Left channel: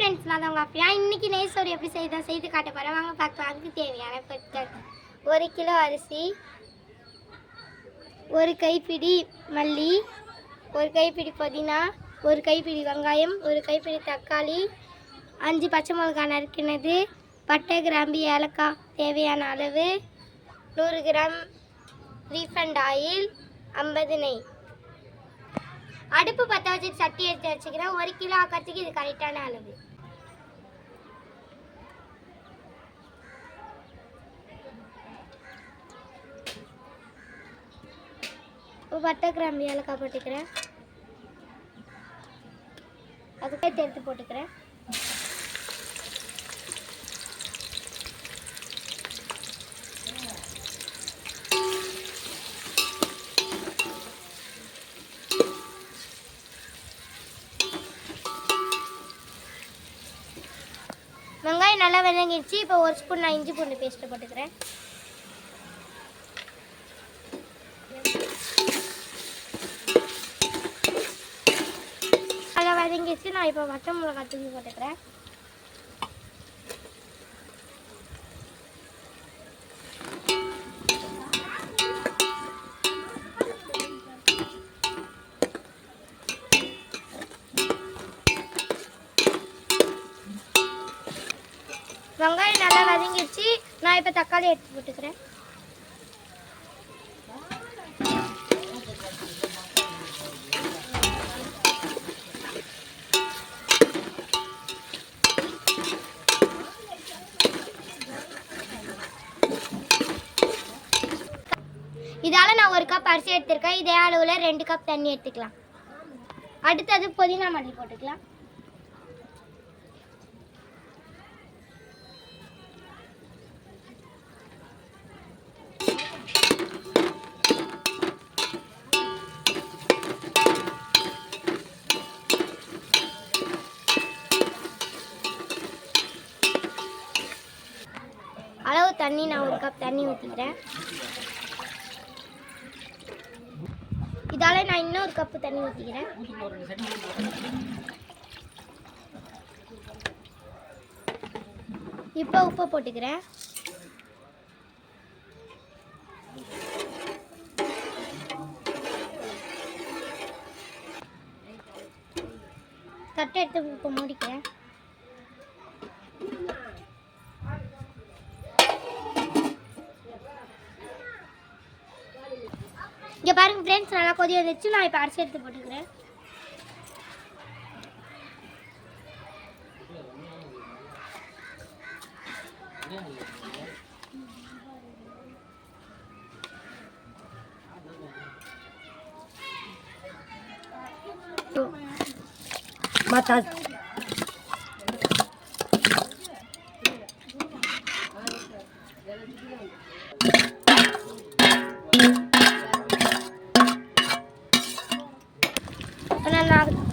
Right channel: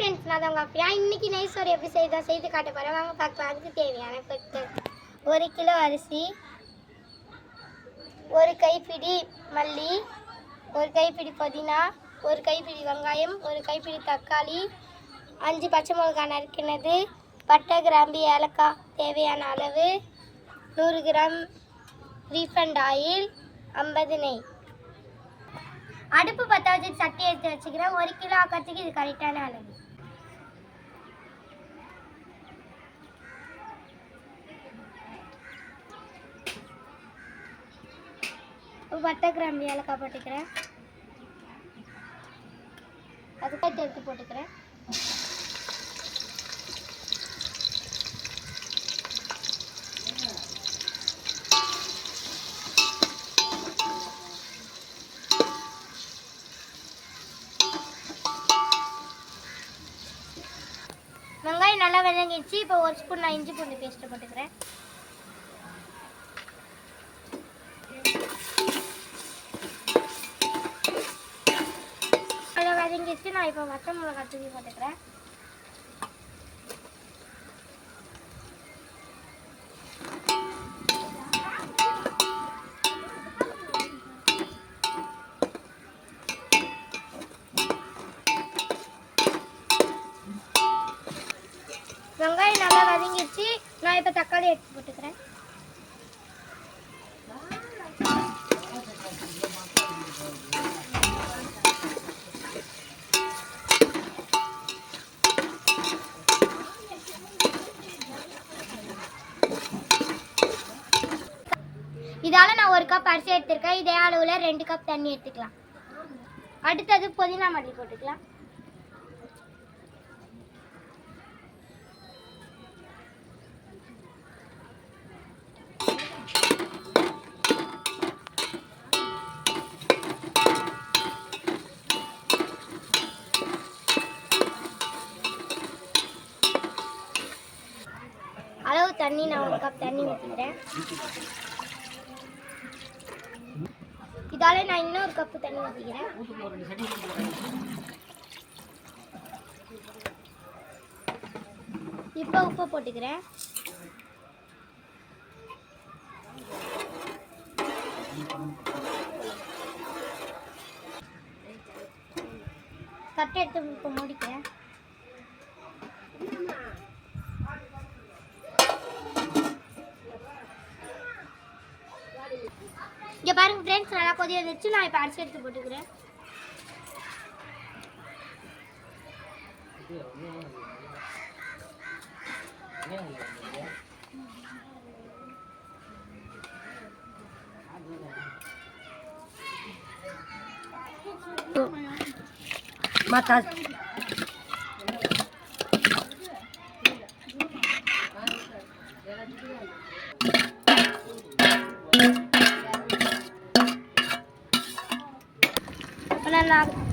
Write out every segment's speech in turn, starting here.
Friends, நான் தான் உங்கள் அப்பியா. இன்றைக்கி நெய் சோறு எப்படி செய்து காட்ட போகிறேன். வாங்க பார்க்கலாம். அதுக்கு தேவையான பொருட்கள்: 1 கிலோ அரிசி, 1 கைப்பிடி மல்லி, 1 கைப்பிடி புதினா, 1 கைப்பிடி வெங்காயம், 1 கைப்பிடி தக்காளி, 5 பச்சை மிளகாய் நறுக்கினது, பட்டை கிராம்பு ஏலக்காய் தேவையான அளவு, 100 கிராம் ரீஃபண்ட் ஆயில், 50 நெய். அடுப்பு பற்ற வச்சுட்டு சட்டி எடுத்து வச்சுக்கிறேன். 1 கிலோ ஆக்கிறதுக்கு இது கரெக்டான அளவு. பட்டை கிராம்பு ஏலக்காய் போட்டுக்கிறேன். அதுக்கு எடுத்து போட்டுக்கிறேன். வெங்காயம் நல்லா வதங்கிடுச்சு. இப்போ 1 ஸ்பூன் நான் இஞ்சி பூண்டு பேஸ்ட்டு போட்டுக்கிறேன். நல்லா வதங்கிடுச்சு. நான் இப்போ பச்சை மிளகாய் தூக்கி போட்டுக்கிறேன். வெங்காயம் நல்லா வதங்கிடுச்சு. நான் இப்போ தக்காளி எடுத்து போட்டுக்கிறேன். இதால் நான் 1 கப் அரிசி எடுத்துருக்கேன். இதே அளவில் 2 கப் தண்ணி எடுத்துக்கலாம். அடுத்தது புதினா மல்லி போட்டுக்கலாம். அளவு தண்ணி நான் 1 கப் தண்ணி ஊற்றிக்கிறேன். இதால் நான் இன்னும் 1 கப்பு தண்ணி ஊற்றிக்கிறேன். இப்போ உப்பு போட்டுக்கிறேன். தட்டை எடுத்து இப்போ மூடிக்கிறேன். இங்கே பாருங்கள் ஃப்ரெண்ட்ஸ், நல்லா கொதி வந்துச்சு. நான் இப்போ அரிசி எடுத்து போட்டுக்கிறேன்.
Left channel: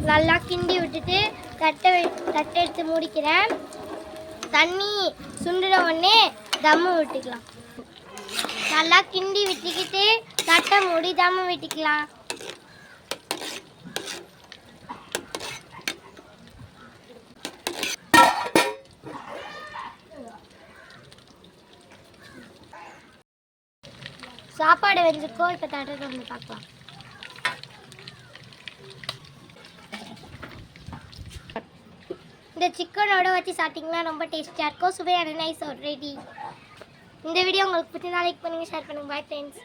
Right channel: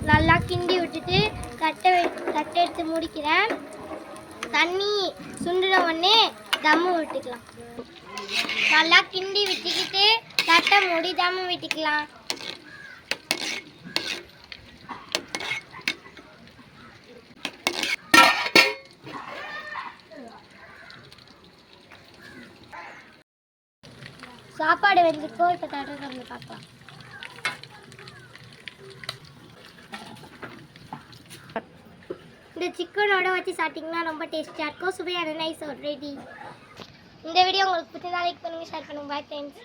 நல்லா கிண்டி விட்டுட்டு தட்டை எடுத்து மூடிக்கிறேன். தண்ணி சுண்டுற உடனே தம்மு விட்டுக்கலாம். நல்லா கிண்டி விட்டுக்கிட்டு தட்டை மூடி தம்மு விட்டுக்கலாம். சாப்பாடு வெஞ்சிருக்கோம். இப்போ தட்டை வந்து பார்க்கலாம். இந்த சிக்கனோட வச்சு சாப்பிட்டிங்கன்னா ரொம்ப டேஸ்டியாக இருக்கும். சுவையான நைஸ் ரெடி. இந்த வீடியோ உங்களுக்கு பிடிச்சா லைக் பண்ணுங்கள், ஷேர் பண்ணுங்கள். Bye friends.